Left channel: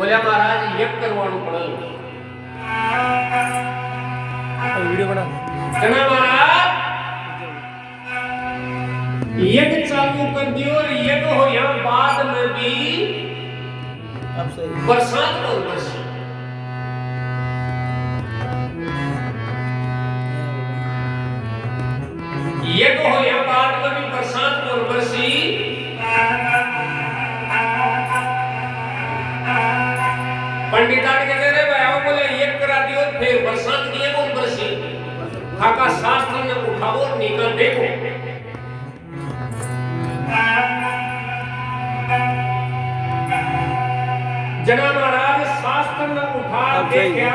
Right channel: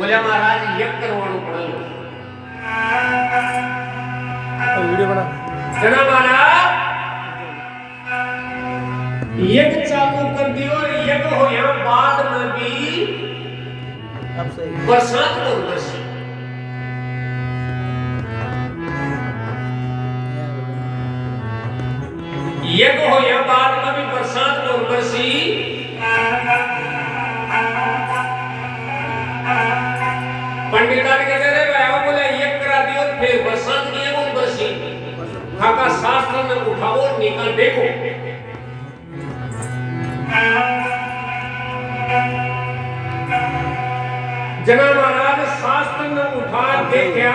बोले महाराज यज्ञ करवाणु पड़ल वीडियो बना जना महाराज यज्ञ चालू कर दियो और यज्ञ हो यहाँ बाद में भी अब सही बरसात को बरसी यज्ञ हो यहाँ बाद में भी बरसात को बरसी पंडिता के कह रहे भाई बोले यज्ञ करा दियो फिर बरसात की है वो बरसी खाका शास्त्र ने उठाओ निकल देखो जना महाराज शास्त्र ने उठा के क्या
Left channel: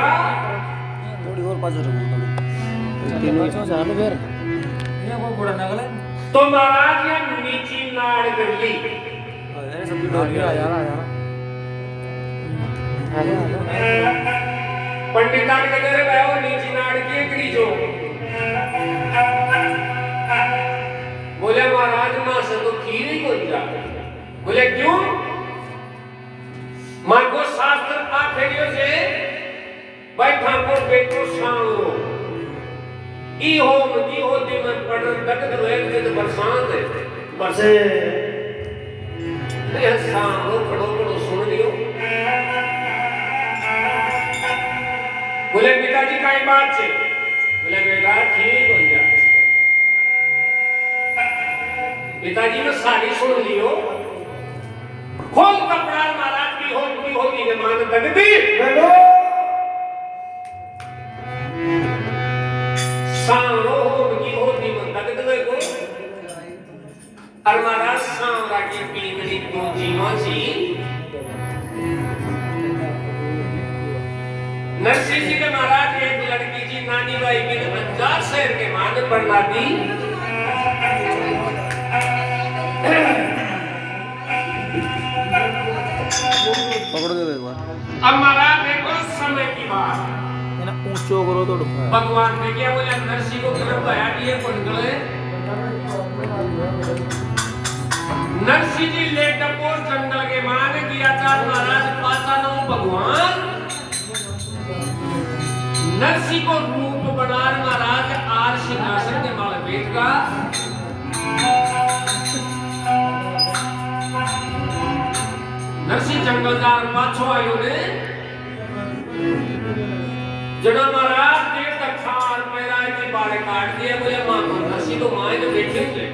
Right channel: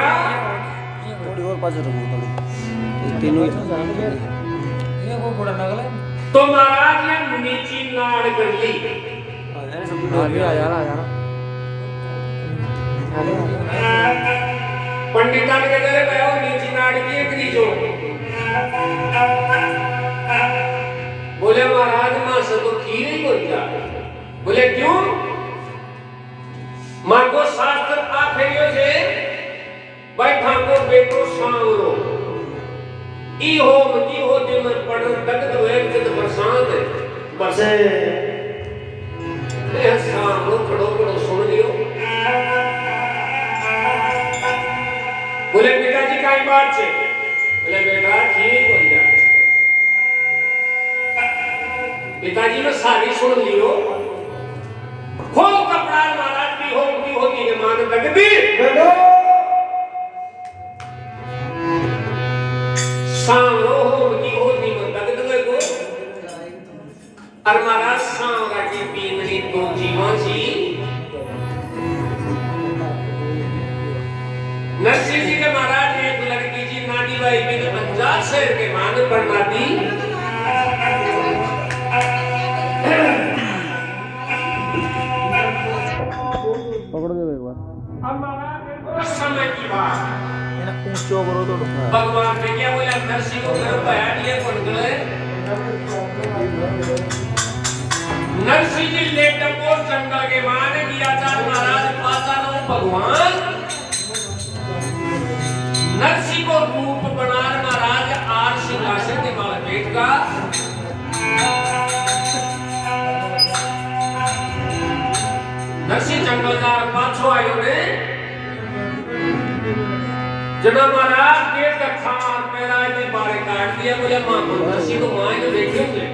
थोड़ी और पास रखो थोड़ी तीनों ये को थोड़ा नगला तो महाराज ये नीची नाड़ कर ली अरे सब डोलिया यार पंडिता ने कह रहे भाई नीची नाड़ की करी जो बोले महाराज मां से तो खीर ही कोई जा बोले क्यों मां को शास्त्र आ फेरियो से बैठा को बेटो सांवरो ई हो मती होते में पड़ दगद हुए जद बरसात है बरसे ये सांवरो खड़ो खड़ो सुन लियो बोले पिताजी काई बात छे बोले बेटा ठीक हो जा पिताजी ने सारी सुन लियो खोल कपड़ा महाराज की होती ने मान दगदी बेटो सांवरो की होती में दगदवे को और महाराज सांवरा की पीवड़ी तो जीवासी नरसिंह जी के महाराज एक लड़की जी नानी बाई बिन अंजार शहर के मान पर नाती पकड़ दे एक बार अब महाराज देखो समय की बात है ना ऊंचो करो तो भगवान ने क्या बोला नरसिंह को गर्भ आया दिए पटगले नरसिंह जी लेकर को जंगल के मान किया चार महाराज पाचा नो भगवान नरसिंह को रूप बनार महाराज आर सिंहासन के माल पेट का नरसिंह जंगल का पाछो आयो ने जना महाराज के खान पैदा के बारे काट दिया मुझे मां को नरसिंह को मां ने देखे थे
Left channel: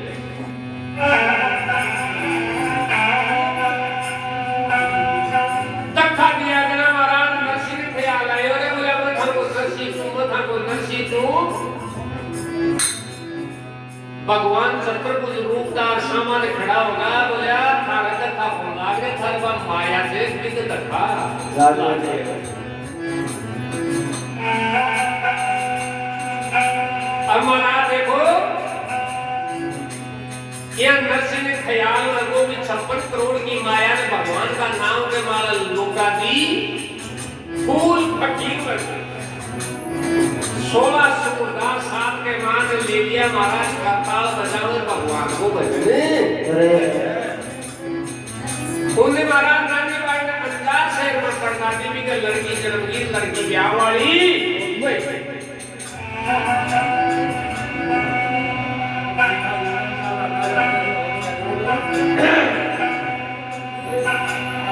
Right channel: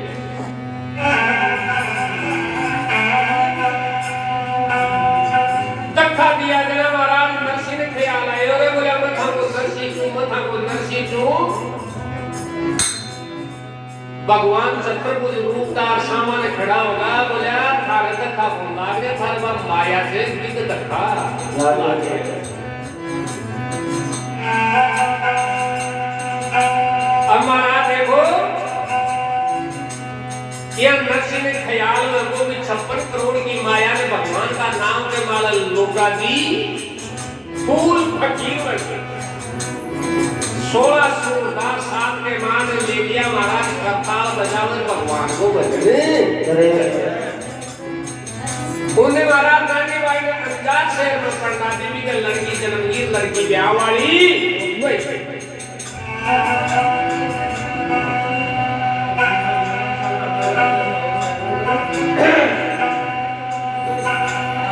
तखा दिया जना महाराज नरसिंह ने ख्याल आयो रे बोला मथा को नरसिंह तू भगवान छत्रभुज रूपदार सामान खड़ा होगा बोला थारे तखा फोंदा के थारे बा माया से बिक तखा अब महाराज देखो ये नरसिंह ने ख्याल लगो भी 56 करोड़ की माया ने भगवान का नाम के माला लोका दी फूल फकीर बन 16 सूरदार साहब के मान ले लिया महाराज करताल बजावे भगवान को बजने उन्हें महाराज गांधी भाई ने पंजाब शहर में पढ़ना देवी का लड़की जन्मगीर लड़की ब्याह वाली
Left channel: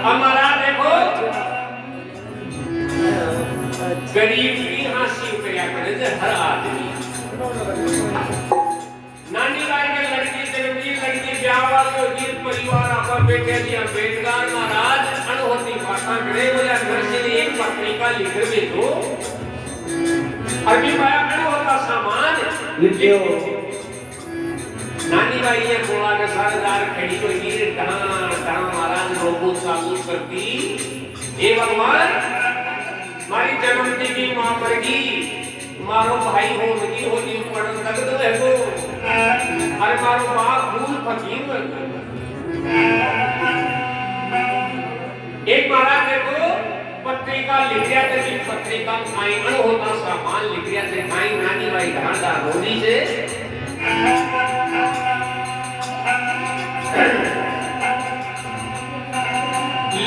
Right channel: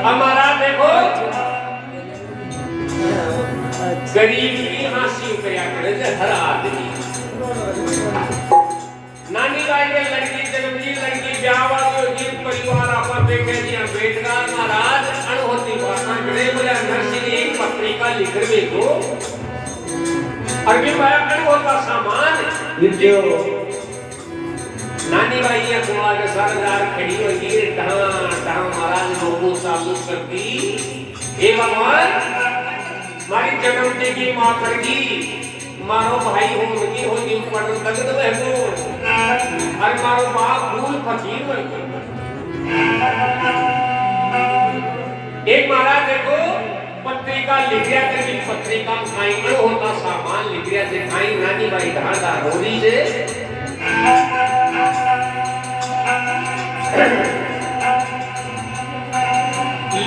हमारा देखो गरीब की हासिल किया करे थे हर आदमी नानी बाई के लड़की जन्मदी लड़की ब्याह वाली और गीत परिवार अपन बेटे दिया बेटगार महाराज अनहोती भाषा गड़े बोला नरसिंह ने एक पत्रिका लिख दे दो अरबी बया अनहोता सामान नानी बाई ये बोला के सरदार खड़ी हुई है कहां महाराज लोगों साबू करती हे भगवान मारी जन्मती की मां करगी मारो भाई हो लगी हो जी पड़ तक तो है तो अरे मारो बाप भूल फकीर बन एक महाराज देखो पत्रिका लिख दिया था कि पत्रिका खाई होता सामान लिख दिया थे खाई नानी बाई कहां होली से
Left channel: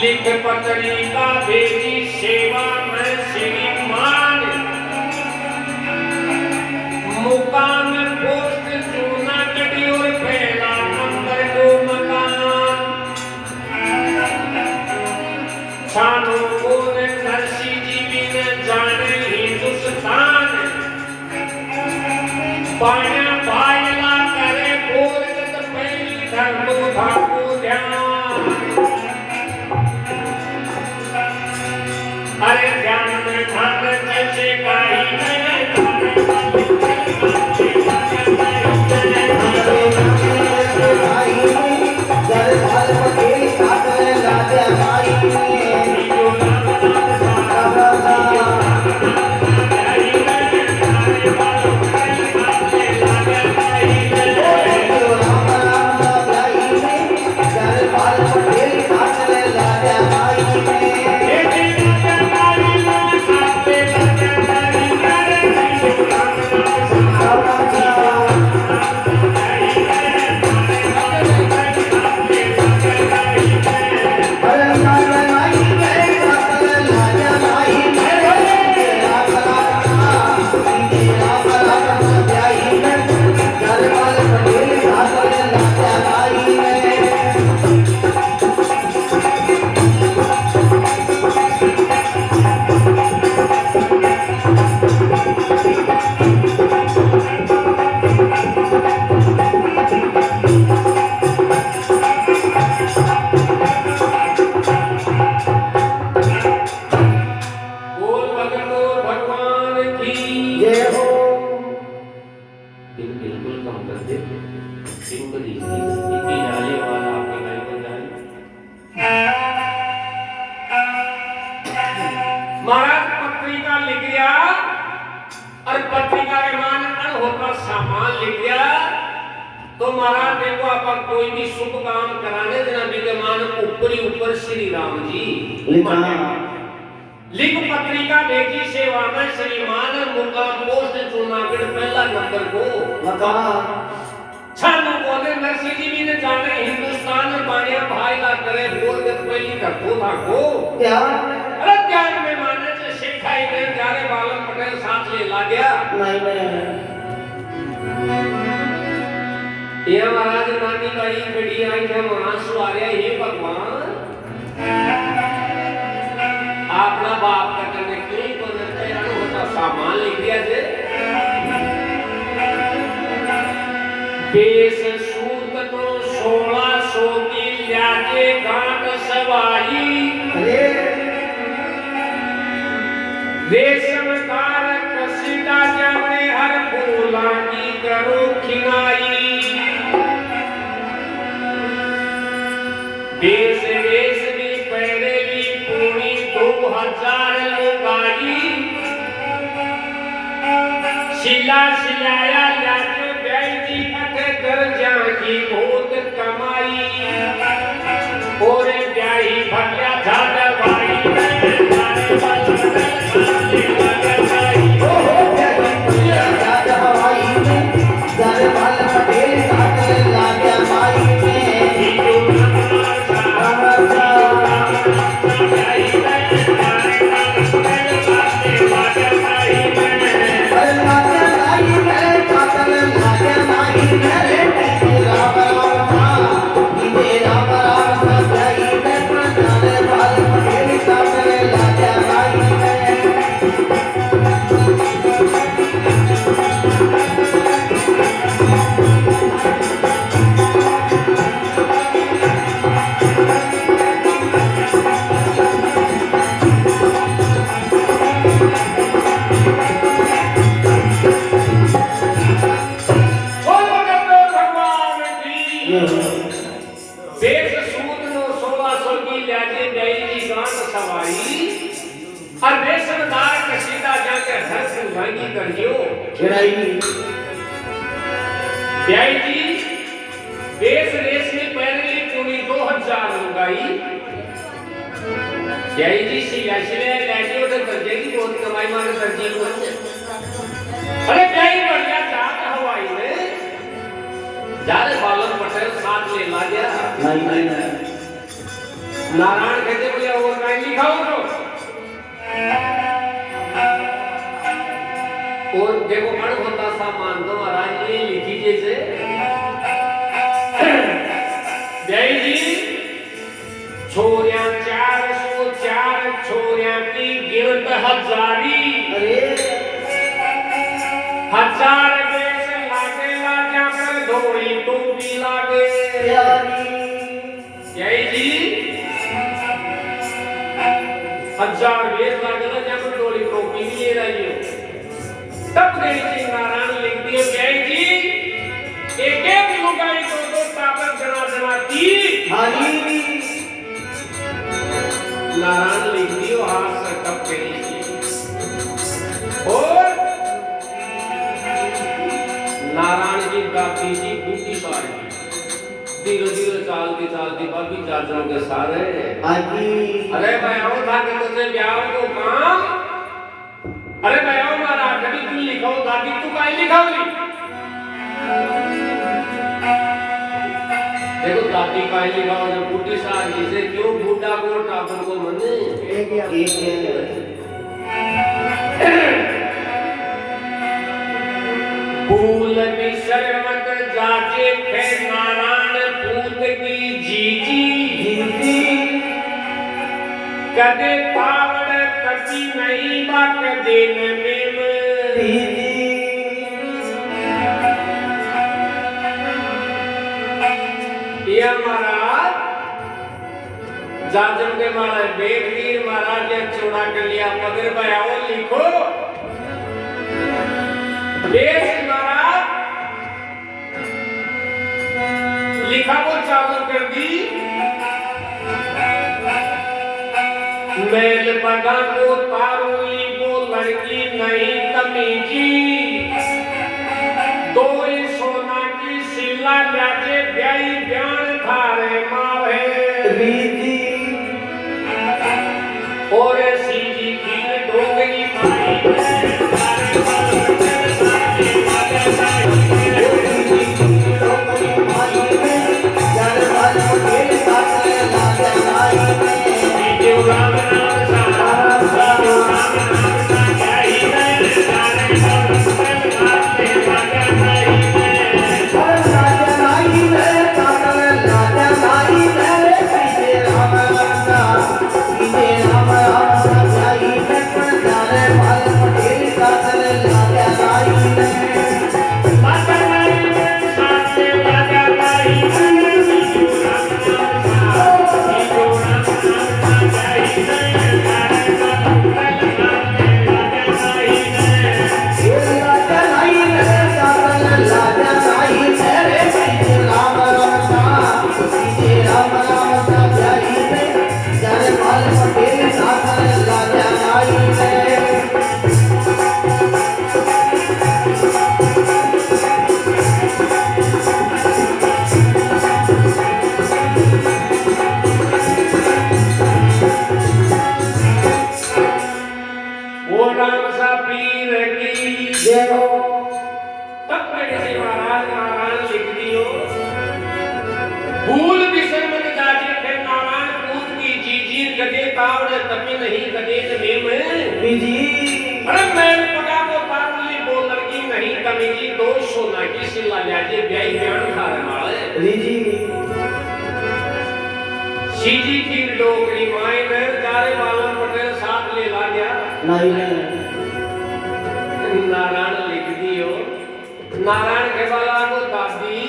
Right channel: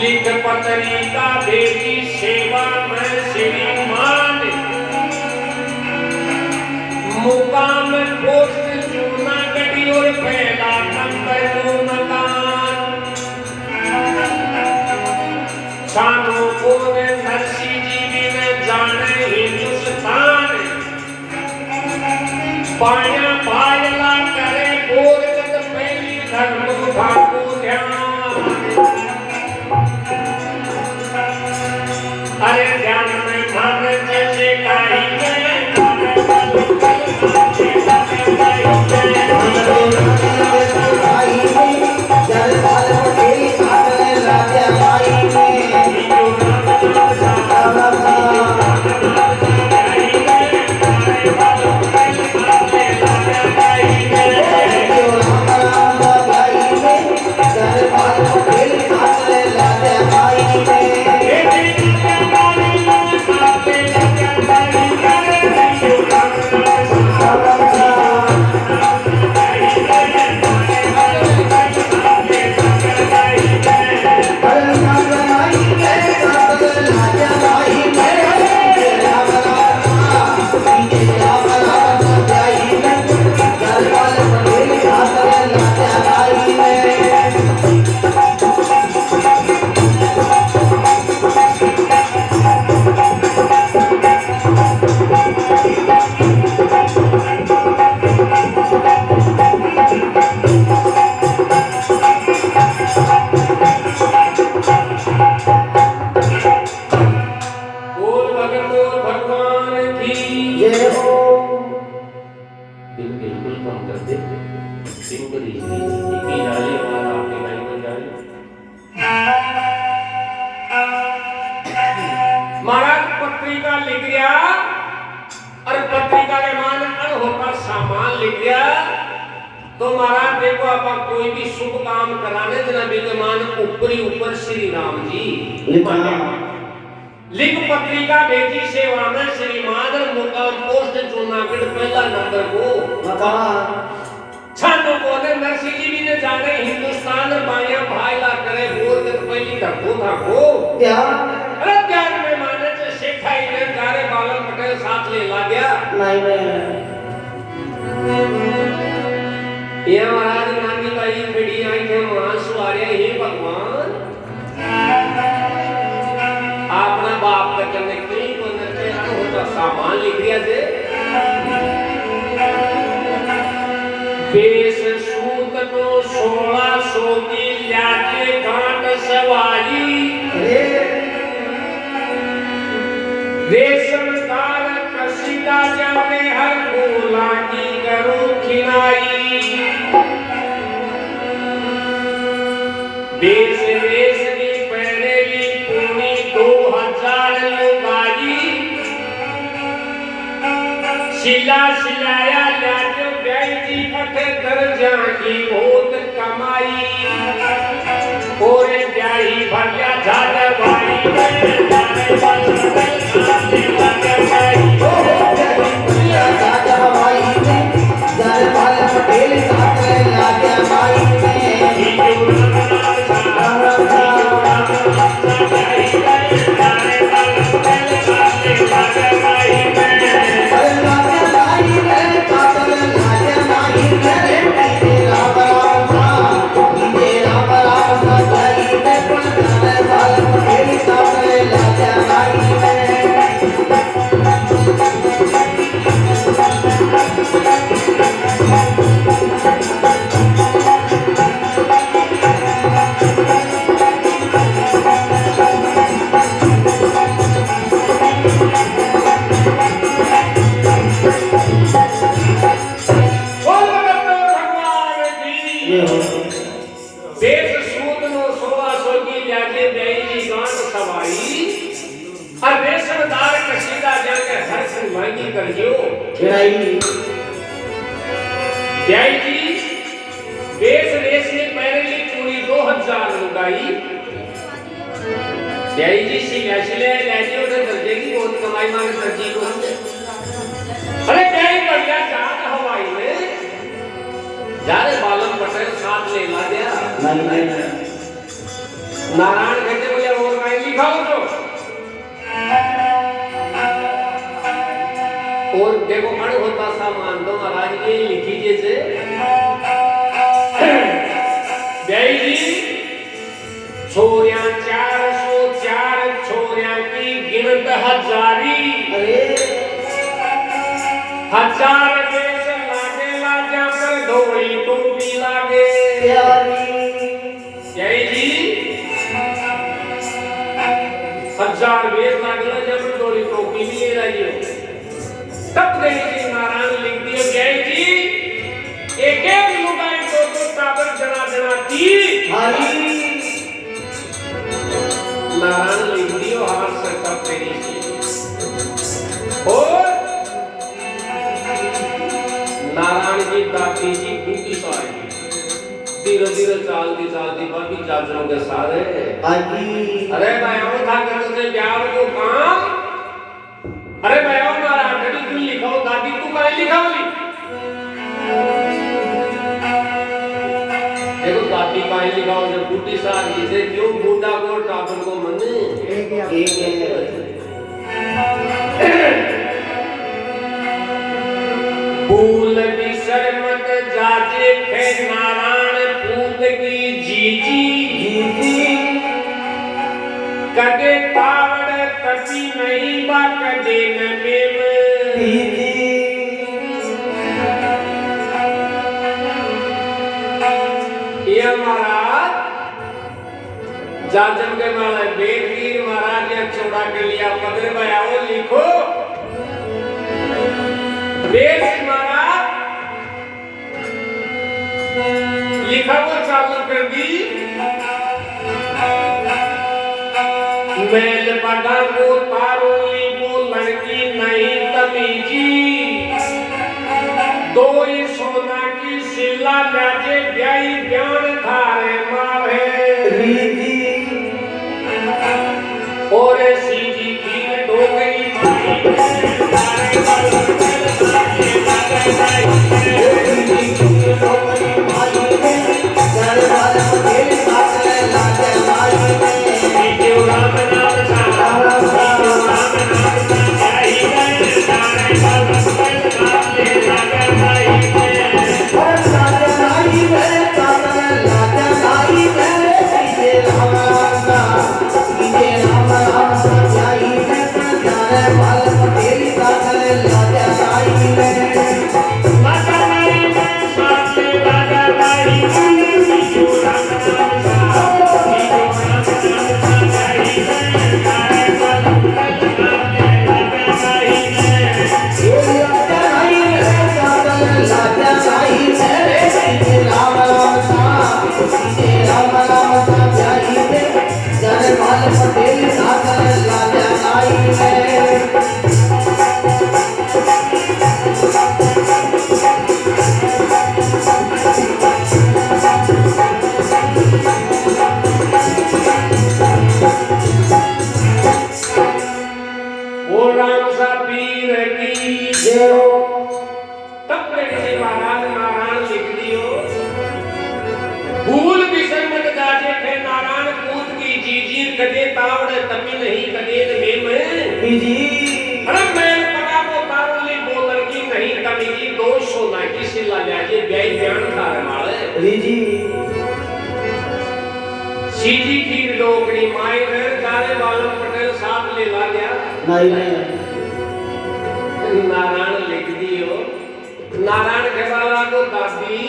लिख पत्रिका भेजी सेवा में श्रीमान मुकाम पोस्ट जूनागढ़ और पहला नंबर को मकान सानू को नरसी जी ने जाने हिंदुस्तान पाया पायला करे बोल जत पहली धर्म ठाकू ध्यान अरे ध्यान में ध्यान जैसे काई में महाराज पत्रिका लिख गया और पत्रिका के मान होकर सामान लिख गया तो महाराज देखो अपन कोई भी शुभ काम कराने जना विद्यमान ऊपर श्री राम जी लिख पत्रिका भेजी सेवा में श्रीमान मुकाम पोस्ट जूनागढ़ पहला नंबर को छानो को ने नरसिंह जी ने जाने हिंदुस्तान बाया भाईला करे बोल के पहली धक्को था को क्या अरे ज्ञान में माने से शेखाई ने जारे बालन पटेल साथ ले ला गया नहीं ये महाराज नानी बाई खड़ी आई थे आंसू आ रहा हे भगवान अपना बाप का करने के लिए को नरते होता सामान लिख दिया जे बेस सूत तो 1600 की लागे गांठ सवारी रेशम कार कसीदा जाने हर बोला की करो खिनाई देश देश की पहलेली पूरी 2000 लुगाई शिला शिलाया लाजो बैल जी अथे दर्जा की बहुत कमाई और ब्याही भल्या झाड़ भाई देश सूत नो 1600 की लाजे दई जी गांठ सवारी और रेशमदार कसीदा जाके हर सुवांगी करजो ब्याई जी देश रेस में पहले पूरी 2000 लुगाई ब्याई जी सिले लाजे और दर्जे की बहुत कमाई माने दर्जे को अरे ब्याई बढ़िया जात हवाई में जारे बालन पटेल साथ ले ला दिया नहीं नारायण कहते लिखाओ तो और देखो अण होता सा मान दो महाराज ये लिखी जैसे जय जी छोरिया 404 छोरिया की गिनत हजारी हजार बेस लागे लाजा पर धोड़ी टोपी लागे जय जी हजार बेस लागे लाजा पर धोड़ी टोपी भी ले रही हो तब जय जी नारायण लिख दिए जय जी एक एक लुगाई दो ताबत जला देना की नारायण लिख दियो हाथ से तब तेरी और नारायण की दादी जी बूटी सारी धीरे धीरे चालती चालती बाकी चाचरों के सारे अरे भाई था कि तुझे प्यार को काम अरे भाई हमारा कभी तू लिखाओ दादी तू काय लिखाओगी देखो दादी काय लिखाओ जो बूटी सारी से क्यों बूढ़ा को चाचर को मन भूल बिसर मत जाजे खे नारायण पूत की जीजी कदे तावड़ कभी नहीं बा कदे न मेम ये महाराज जाजम के मारे बेदवीर महाराज ने छोड़ा कर लिया मगर बयाओ लिखो देश महाराज लिखा तो चालू कर दी मैल पगा को तारोली को लड़की नहीं तमीजी दो ही सोना की सिला जाके ब्याई ब्यान थारे मारे और सीधी की डोगरी भाई सीधी की डोगरी माई घर काले बालों पटेल साथ ले ला गया नारायण लिख दियो नारायण के बाला को दादी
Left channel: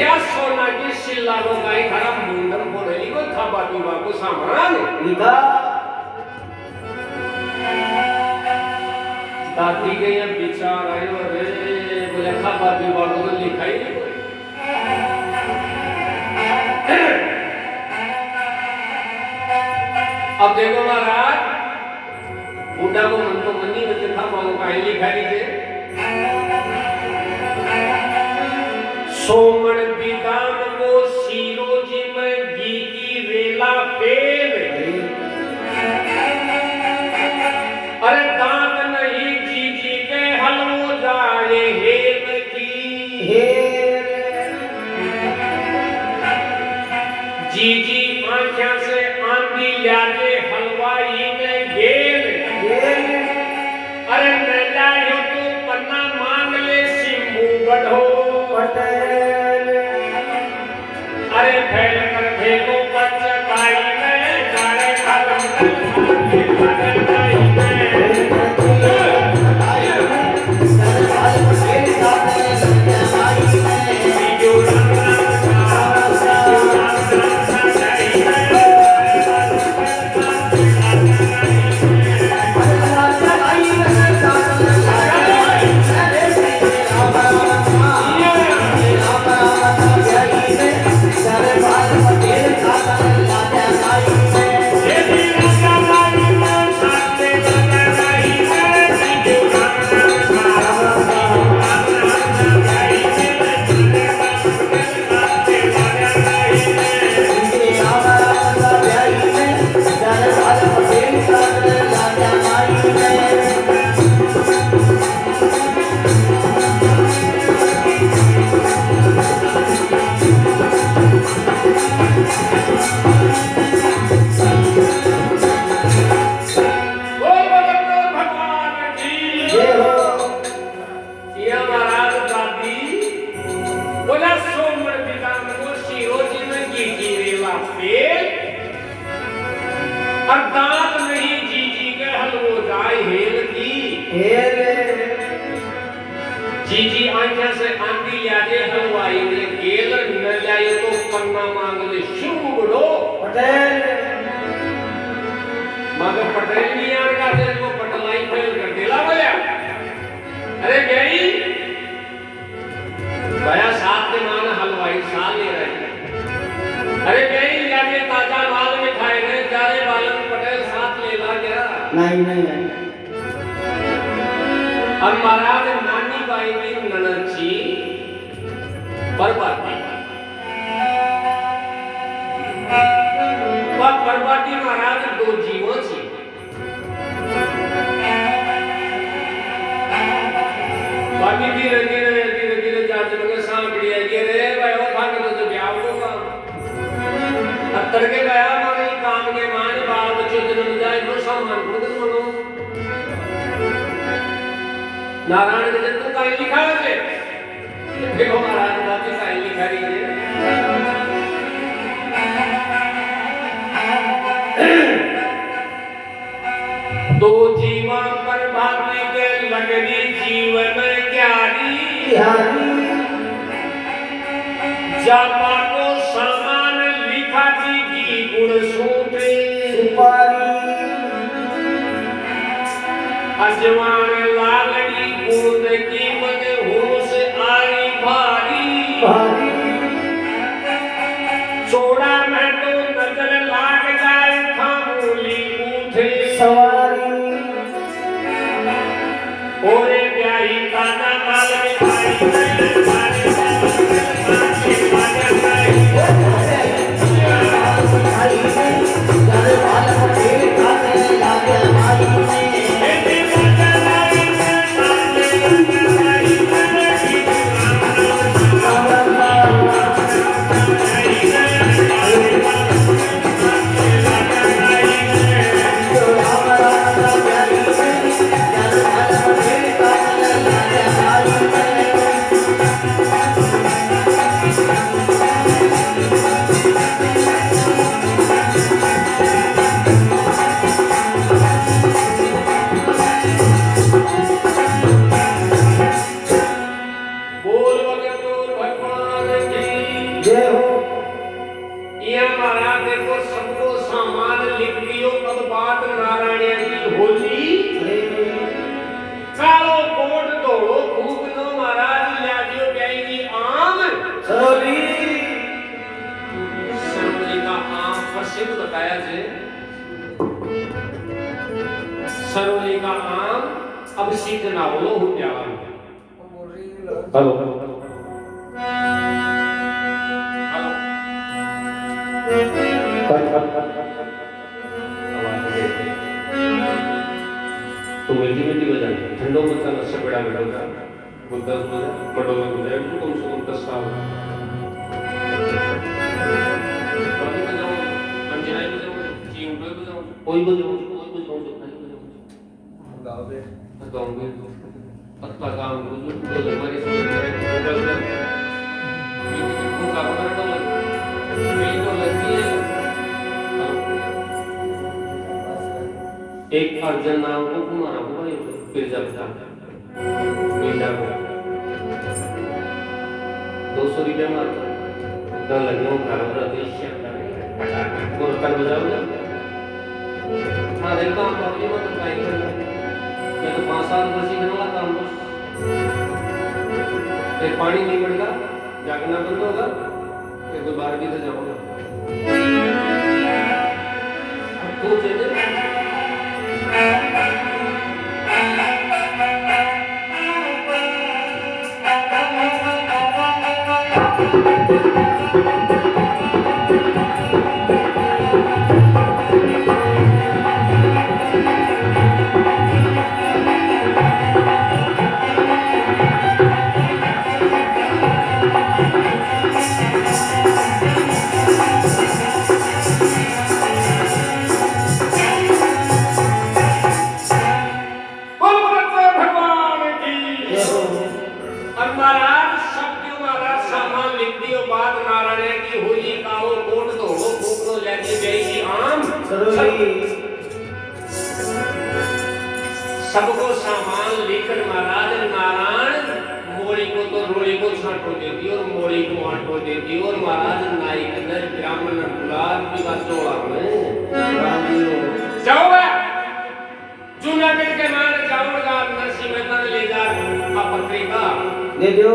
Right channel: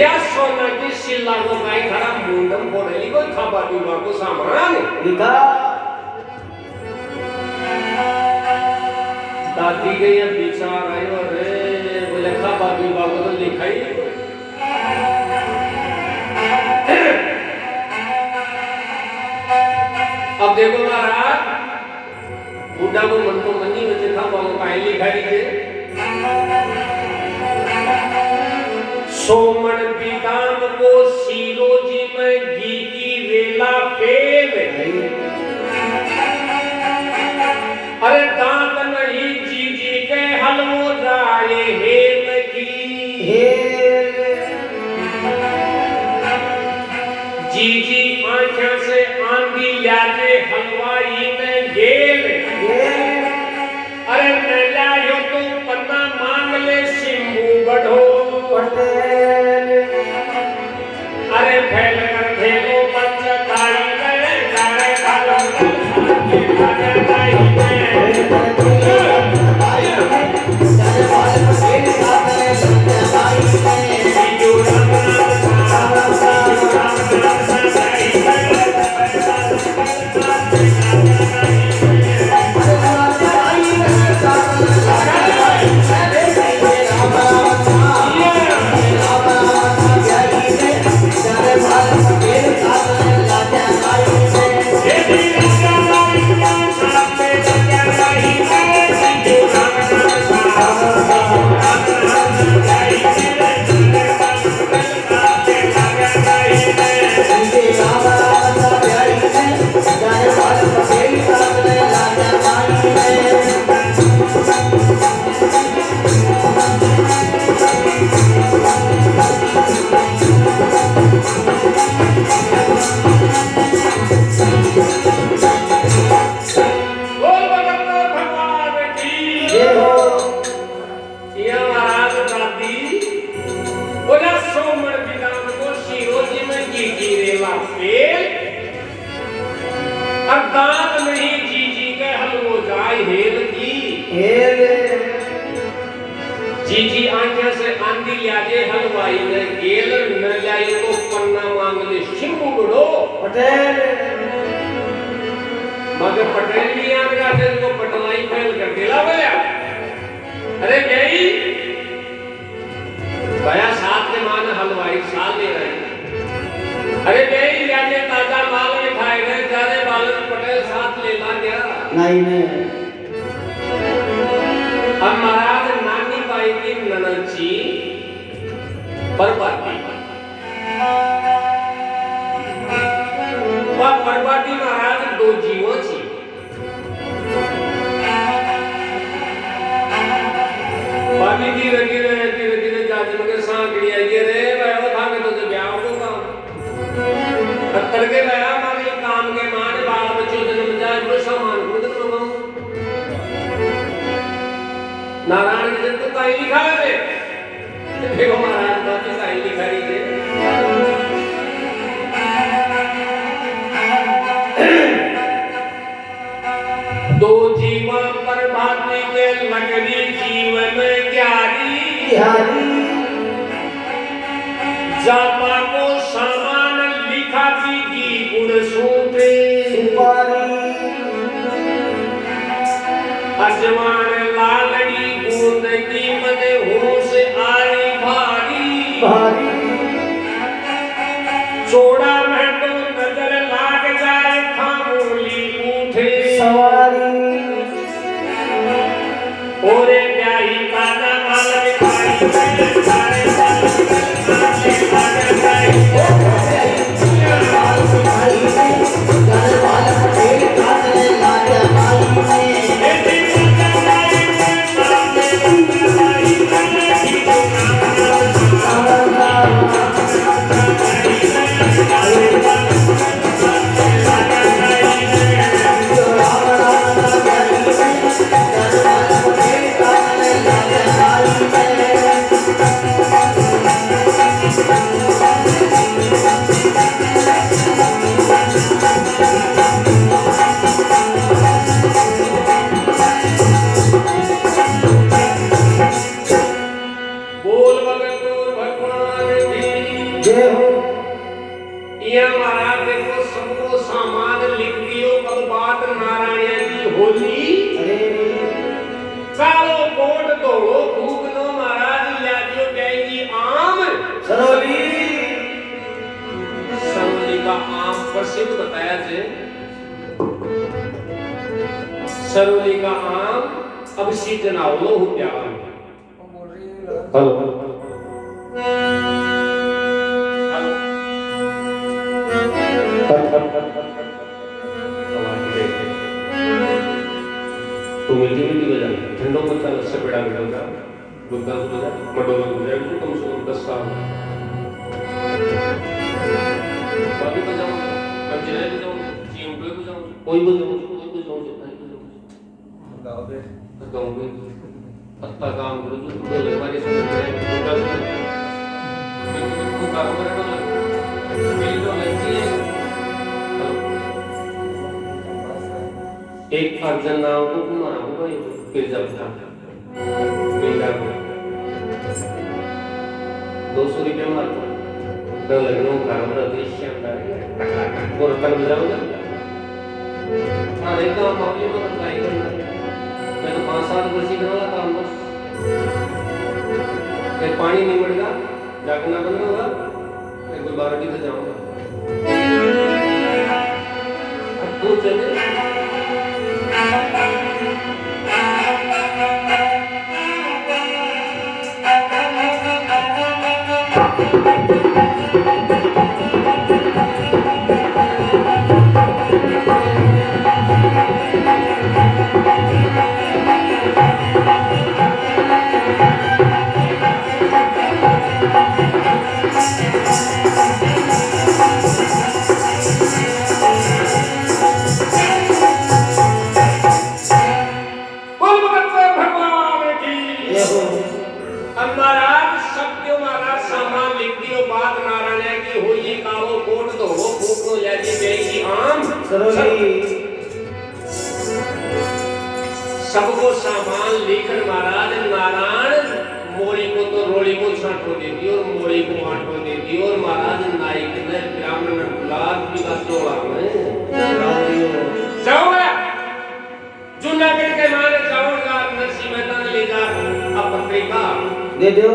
या सोना की सिल्ला को भाई खरा मुंडम बोलेली को खाबा पीवा को सामान लिखा दादी के ये विचार आयो रे बोले खाबा पीवा को तो लिखा ही अब देखो महाराज बुढ़ा को मन तो मनी बच्चे था कौन काहे लिखाई थे सोमन विदाम को सीरोजी में घी की वेला पेल अरे दांत नहीं जी के हलवो जाए हेम की जी आंखें से आंधी जी आंखें से आंधी लियाजे हलवाई ने गेल न लाए तो पन्ना मांग ले शिव बड़ो पटेल मगर पटेल भी आ गया थे वो पटलाई फेल कर दिला भैया अरे गई भैया साथ में मान हलवाई साल ले रहे अरे गई लियाजे ताजा माल मिठाई ने चारे बालन पटेल साथ ले ला गया नहीं और महाराज नानी बाई की ननची बर्बादी बर्बादी महाराज दो जीवों छी बाकी भी रंगी जाजन के सांकड़ी आई रे बैठो खाने तो ब्याह को काम पत्थर के गया मारे काम के मान बाल बच्चों जन्म जाए तो सामान खुद करो नारायण ने जब तो कहीं लिखा है देखो महाराज बाकी कहीं लिखा रही है दो जीवन पर भाती के लगनी जीवन क्यारी जामा को सामान लिखा जी की गुण सूपे अजवान लालड़ी बूंद की मन होश आई भारी चोड़ा में तो नजर लाग जाए खामोली उठे ओरे प्यारी ताजा माल मिठाई सारे प्रसिद्ध बताया जे सरोली का आम अब सीजन आवलो हो गया हेलो हेलो तुम मीठी बजा ठंडो मत का नशा बेड़ा बेड़ा गुद्दा बजा बड़ो में बजा तो कम से कम 10 साल बाकी बजाओ मंजिले बजाओ चिंगड़े बजाओ कोई बजाओ गाँव में पत्ता काम करो जो तो हमारे समझ में काम करे तो मेरी तो लगती है हेलो एक अर्जन नाम को कुमारा हुआ ये फिर जब था महीना को 200 रुपया मारता तो लगनों का हमारा देश पटाखा तो रतन बजाओगे हाँ देखा मामले में तो ट्राई करना मैं तो 5 साल वर्षी करवा था बस फिर पानी नहीं बढ़ेगा जागना बंद होगा फिर कोई बाल्टी से जाऊंगा अब तो चले सबको सामान लेकर महाराज नारायण मोड़ी को तो रोड़ी को छांटो देती और मोड़ी को आटो देती और महाराज नाइक ने ब्राह्मण गुलाब जी का चोड़ा में जाओ जूनागढ़ के माने जाओ जा नरसिंह मेहता ने ले जा अब पत्रिका दे दो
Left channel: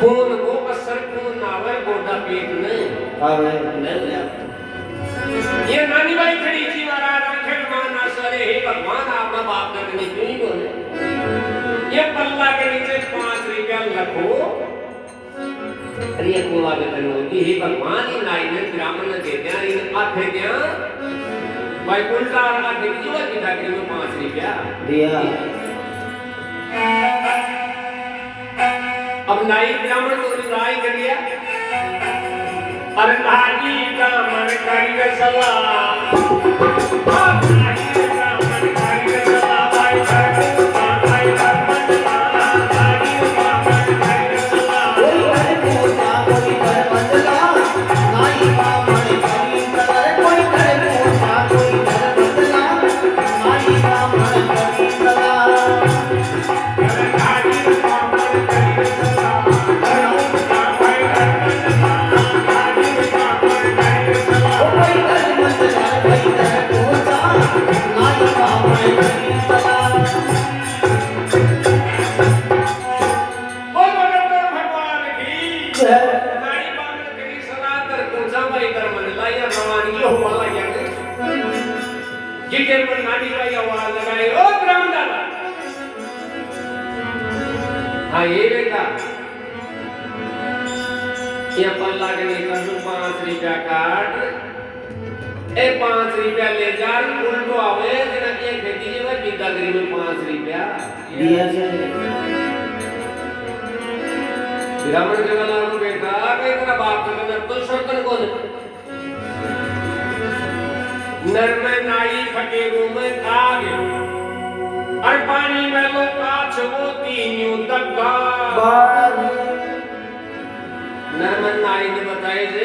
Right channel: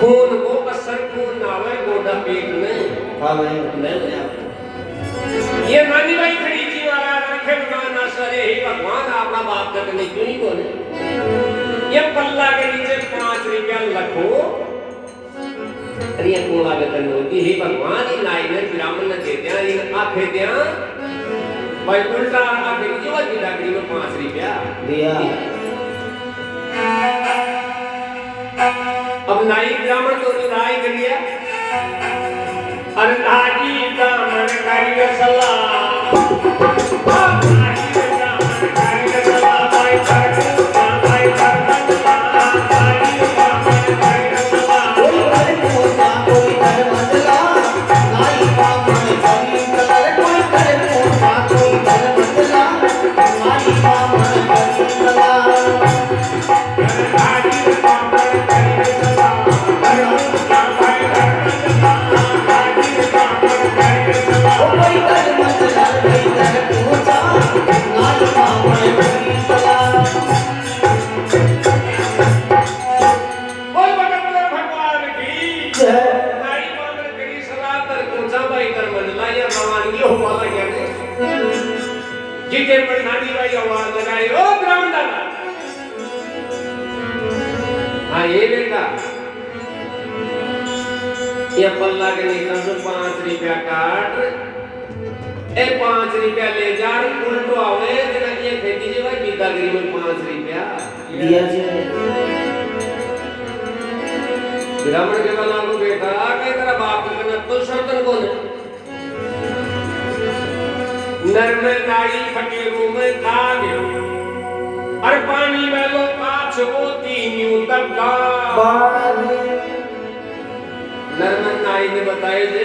खून को असर खून नावे गोदा पेट में हां भाई नहीं गया ये नानी भाई खड़ी थी महाराज रखे भगवान सरे हे भगवान आपका बाप करने क्यों नहीं बोले ये पल्ला के नीचे 5 रुपया रखो अरे ये कोला के करने की हे भगवान ये नाई ने ब्राह्मण ने दे दिया ये आखे दिया भाई उल्टा आखे की जो की डाकरी में 5 रुपया दिया अब नाई ब्राह्मण तो नाई कर दिया अरे नाजी ब्राह्मण करिए सलाह जिते पर नानी भाई आवाज लगाए ओ ब्राह्मण दादा हाँ ये बेटा ये पल्ला के नीचे जो 5 रुपया काट ए 5 रुपया ले जा उल्टो आवे जरा ये खेती जे भाई बिदागिरी में 5 रुपया दिया से ब्राह्मण के वाला को बेटा के तेरा बाप का तो शर्तन कौन नर में नाई फटेरू में दाग और पानी में लो काछ वो तीनियों दबका नर में नाई ने बताए जे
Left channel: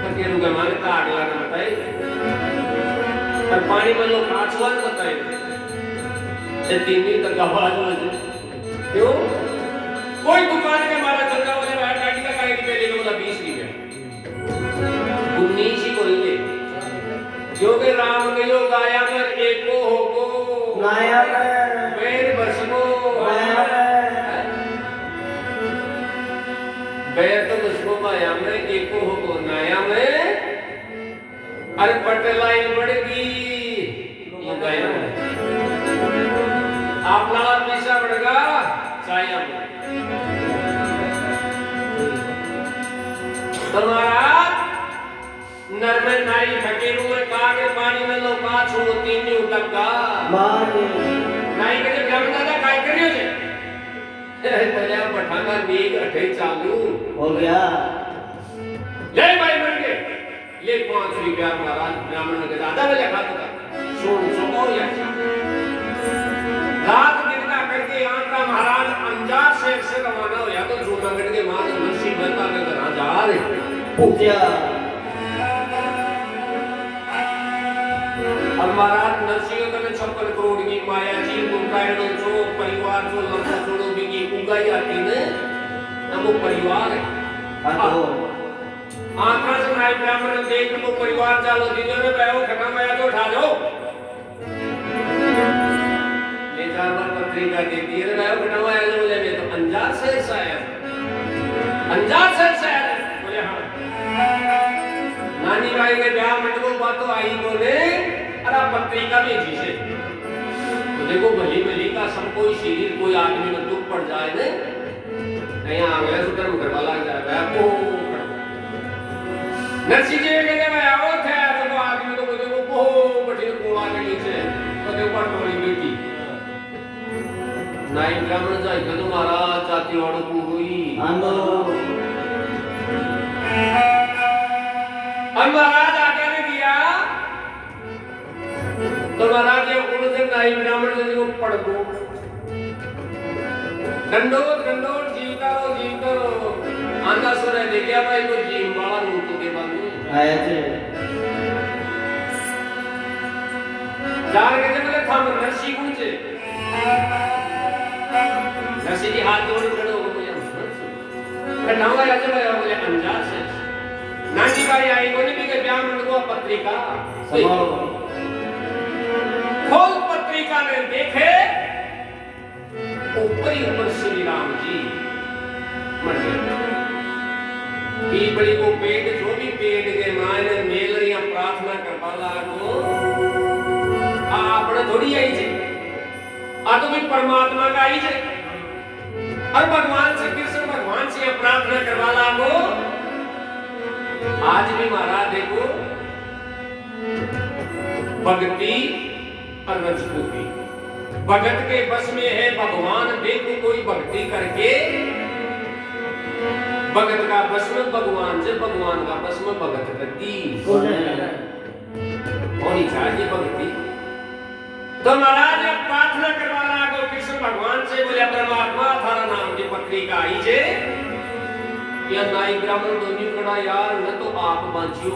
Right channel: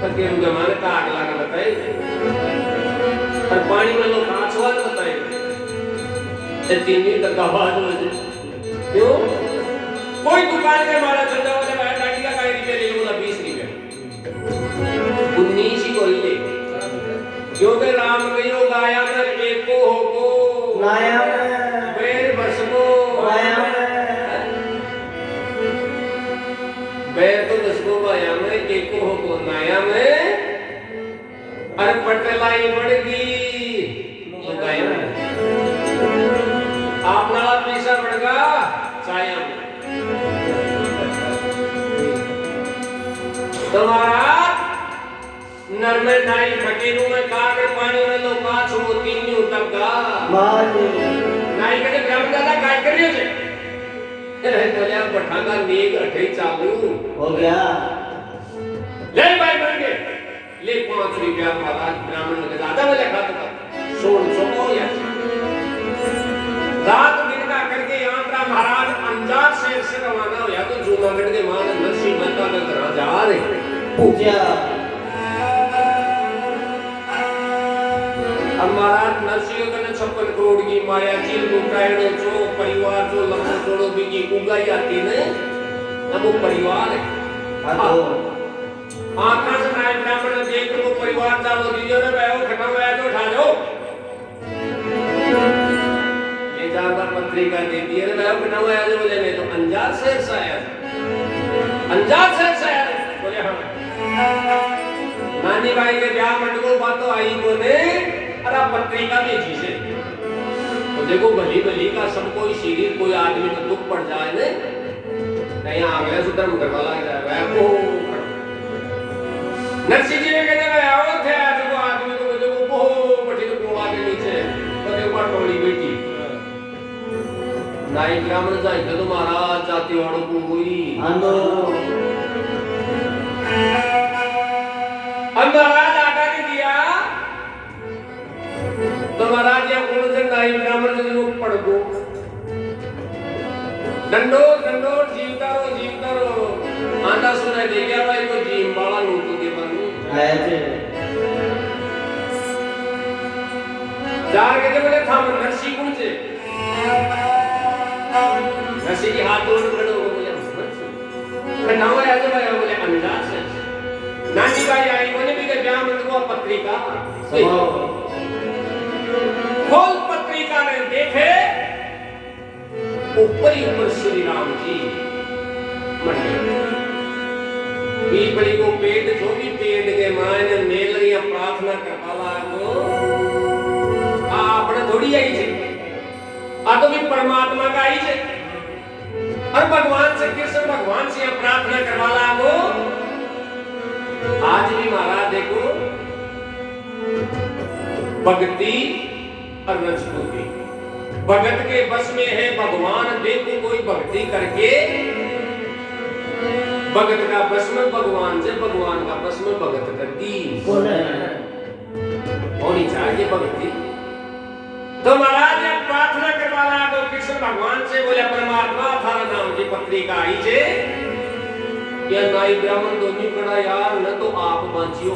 फटेरू के माने काग लाके बताए और पानी में लो काछ वो बताए ये तीनी दबका क्यों कोई दुकान के मारा चलता बोले भाई गाड़ी का काय रुपए ले लो बोला 20 रुपए 19 ही बोल ले जो के राम कयो गाया में एको होको गाया बैर बसको गाया बैर तो बसको गाया में एको होको नाया में अरे पटलाई बढ़गी गाया आप लाल पैसा बढ़गा छाया में तुम्हारा नर में नाई फकीरू में कागड़ पानी में लो काछ हो तीनियों तक का मार नाई के गम दादा काय करियो ले तो या पठांगा नीग अठे चालू हो गया ले भाई बन गए ले 5 रुपया महाराज ब्राह्मण के दादा वाले खाता था सोन सोमो या रात दिन का करके यात्रा महाराज अंजार से रवाना हो या तो जूनागढ़ के मान नरसिंह मेहता के घर जा रहे पूजा की माया चील को पैणो चो परिवार जो लंबो जोड़ो बिकी उगाई आती ने तब वो परिवार है आंखा से नाई ब्राह्मण देख को परिवार चालो दीजो रे भाई खत्म आया तो उठा लो लेता पर पत्रिका दे दी रे भाई खत्म आया जो बोले मैं तो अंजार से आया बोले हाँ नानी भाई ने ब्याह मंडपो बातों आई बोले अरे पत्रिका भेजी से तो देखो भली भली का सब कोई शरीर कोई आदमी में दुख पड़ जाए ने नहीं आ गया तो धर्म करवा लग जाए वो नरसिंह जी ने कहते हैं आओ थे तो आदमी को देखो वो बड़ी कोला के नीचे तो देखो टोली बेटी नाई ब्राह्मण जाए तो महाराज जाति वालों को हुई महाराज आटा नहीं दिया तो महाराज ये उन्होंने नाई ब्राह्मण जो पढ़ दो दंडोर जीवता रो आंधा सुना देखा भाई वो जीव वाला नूत के बनी आया थे जार के जब थाम नरसी कुंचे नरसी की हाथ जोड़ खड़ो हो गया कटावा या तो बोले अंजार से नानी भाई आई बोले भी के ब्याह में वो पत्रिका खोल पत्रिका ने देखे ऊपर श्री राम जी मर गए पीपली को पेट जो भी पेट के मायने मेल रही प्रार्थना करवाला को आपने थोड़ी आई छे आ तो भी परमात्मा का आई छे और भगवान से कृष्ण भगवान से प्रार्थना करवाला को आज भी महाराज देखो भक्ति और रजपूती भगत के बस में है भगवान देखो कोई भक्ति करके भगत का बस में भगवान से भगवान का बस में भगत करती होनी चाहिए भक्ति तो महाराज ने प्रार्थना करवाना को कृष्ण भगवान से बोले परमात्मा थारा नाम की पत्रिका आई जे या नाई ब्राह्मण दोनों कड़ा यार न तो आप बांचियो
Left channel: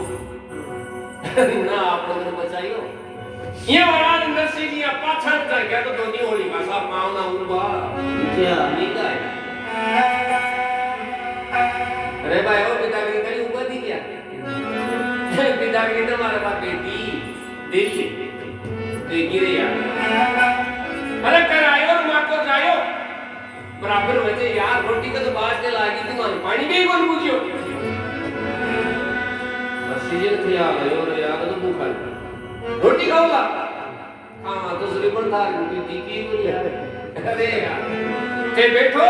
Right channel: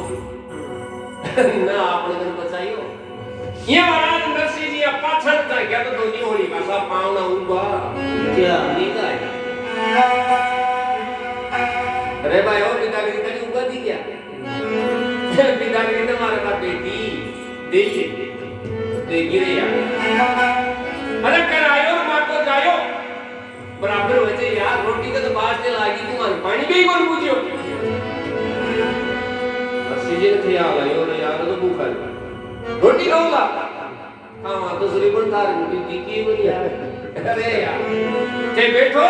न आपने घर बचाइयो ये महाराज नरसिंह जी पाछड़ कर गया तो दोनों होली का सा पावना उबा क्या नहीं करे अरे भाई और पितागिरी का उबा दी क्या पितागिरी तो हमारे पास बेटी देखिए देखिए यार अरे करायो मां को जायो बराबर वैसे यार रोटी का तो बात चलाएगी तुम्हारे पानी भी कौन पूछियो सीजन थे आयो रे यार तो भूखा रोटी खाओगा हां तो सूर्य पर था रोटी तीखी बनी यार अरे यार ते बैठो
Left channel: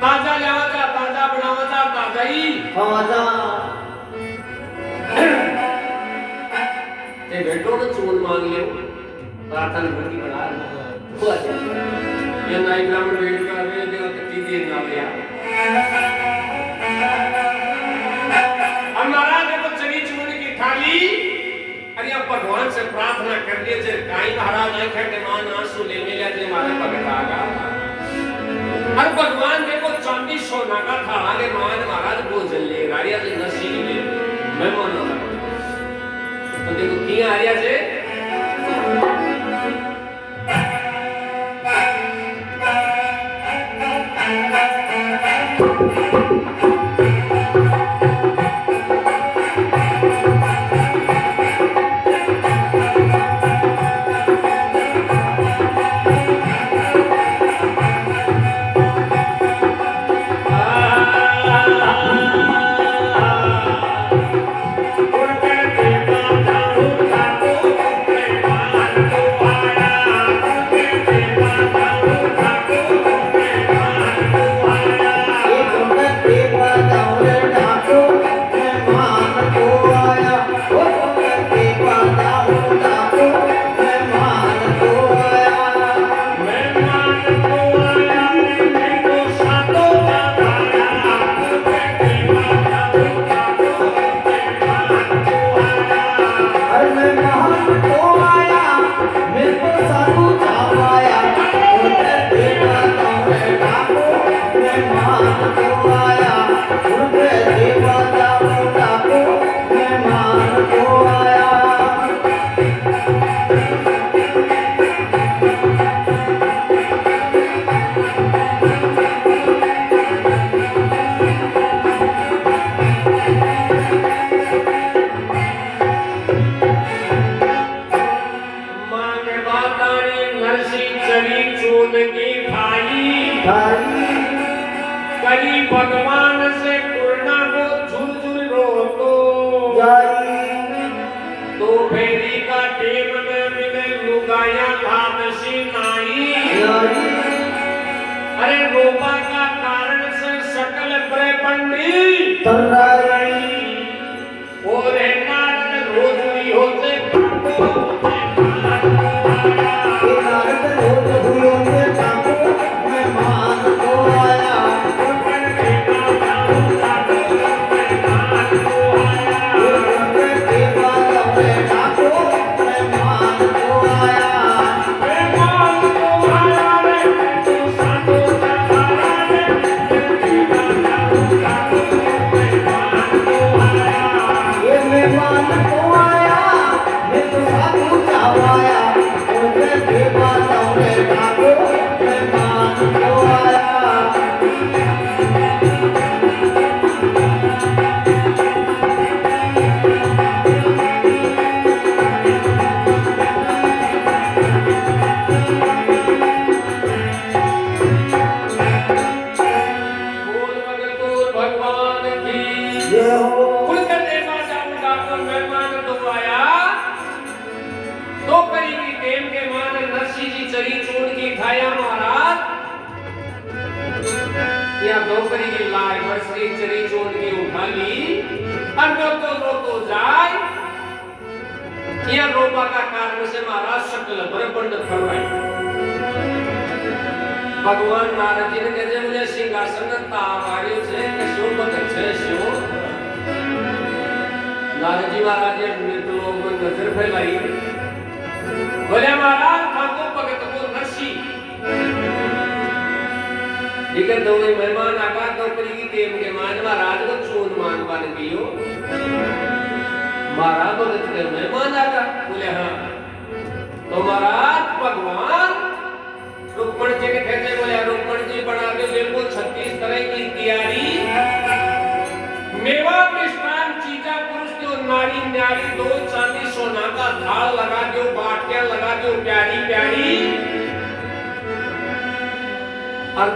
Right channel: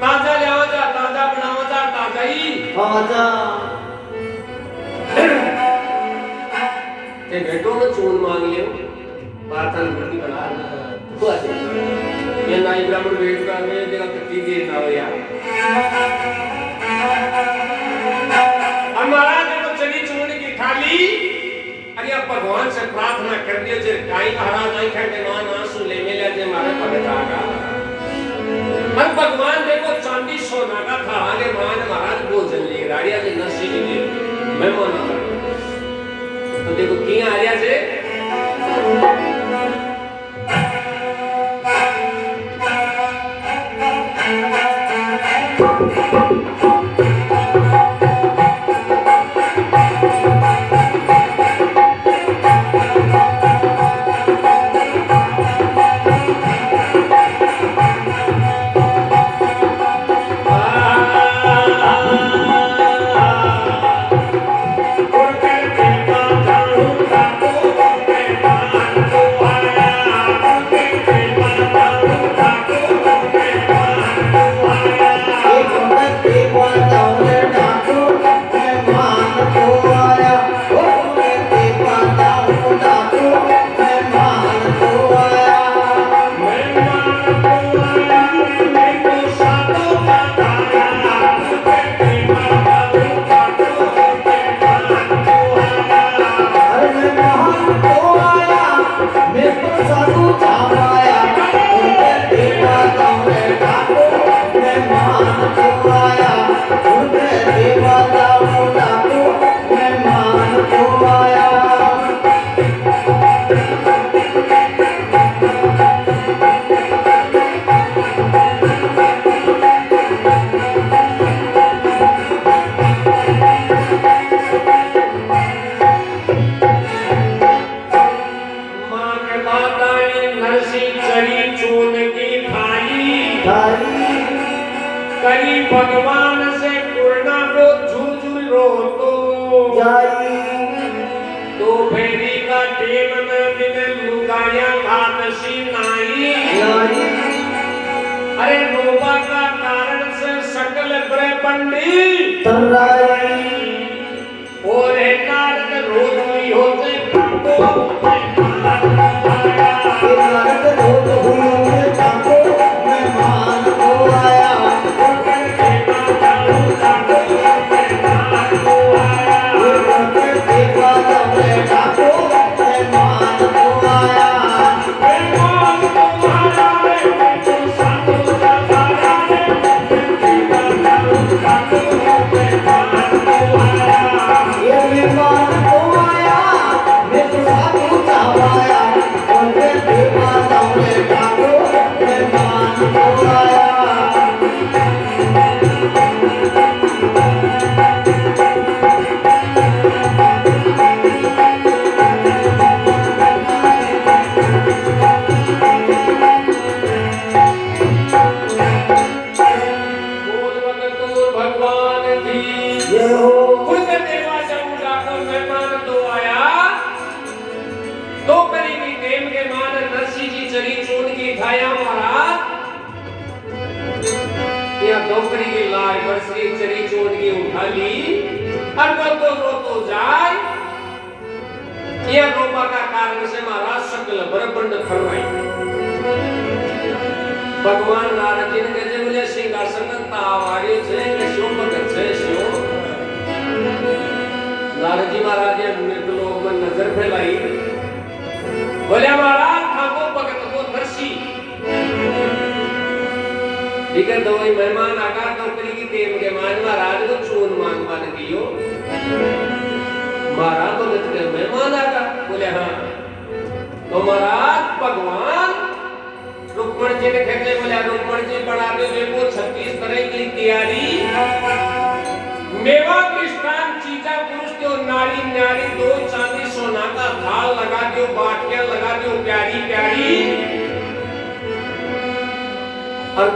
ताजा लावा जा ताजा बनावा जा ताजा ही ताजा ते बैठो तो चून मांग लियो प्रार्थना करके बना हुआ ये नाई ब्राह्मण वेट कर रहे हैं देखा कितनी देर ना हो यार महाराज देखो चली चूर्ण की थाली अरे अब भगवान से प्रार्थना कर दिए जे काई महाराज नहीं खंडे मान आंसू ले मिले जे मारे भगत आगा और भगवान देखो चांदी सोना का थाला के मान महाराज भोजन ले राड़िया से नरसी के लिए मैं माना तो देखो किया आया जे माँ के बाताए नरसी चरी चून की खाई कली भगवान से कुरना को झुलझुल रो तो फेरी का टेम में मिले लुगाया भात सी नाई अरे रोबा का कारण से सकल ब्रह्मंडी और है नारद रोज हुई होते रोबा का कारण से महाराज सकल ब्रह्मांड फरमाई भगवान नारद जी ने कहे मुझे सिंहासन तावार्यो छे के शो भगत छे शो नारद जी महाराज ने मृत लोग में नजर फैलाई बोले महाराज ठाकुर भगत को नरसी ठीक है। दो मेहमान आगा नौकरी की टीम के मान महाराज को चून मांग बन दियो महाराज भगत के मेहमान आगा बोले हाँ तो महाराज भगवान रुक्मण जी ने कहते बोले रुक्मण जी बना दो देखो 36 तरह की तैयारी मेवा कृष्णान चीजा पुरुष जो नारी न्यारी दो चांदी सोना का थाल लगा दो बाटियां लगा दो प्यारी प्यारी और